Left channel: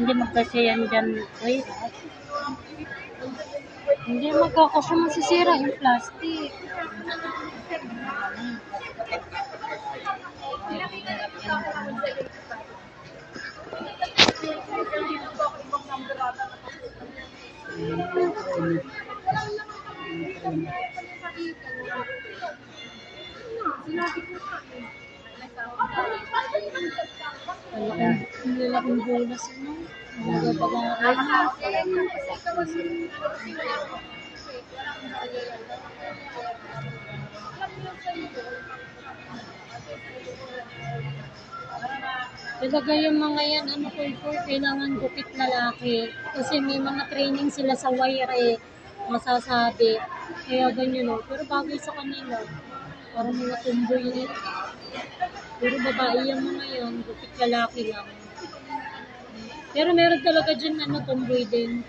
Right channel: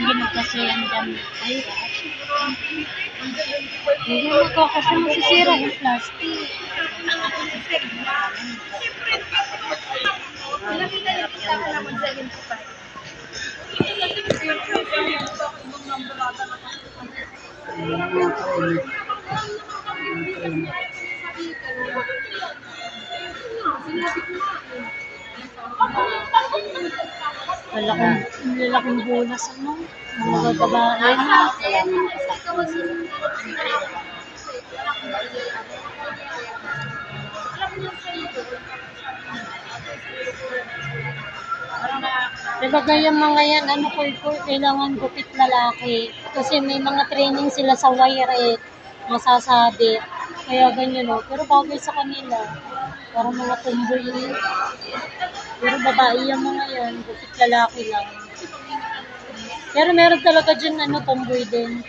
Hindi magkasya yan dyan. Ay, hindi magkakasya, masisira yung plastic. Lalaking bulas ano. Mga babae na. Talaga yung mga yan, ano po, kailangan gupit lalaki. Kasi may mga training sila sa wire masasabi. Kaya ganyan o. Pero bagay sa kanila. Parang mga tumboy eh. Pero babae yung mga yan, gupit lalaki lang. Pero meron talaga dyan, tomboy din.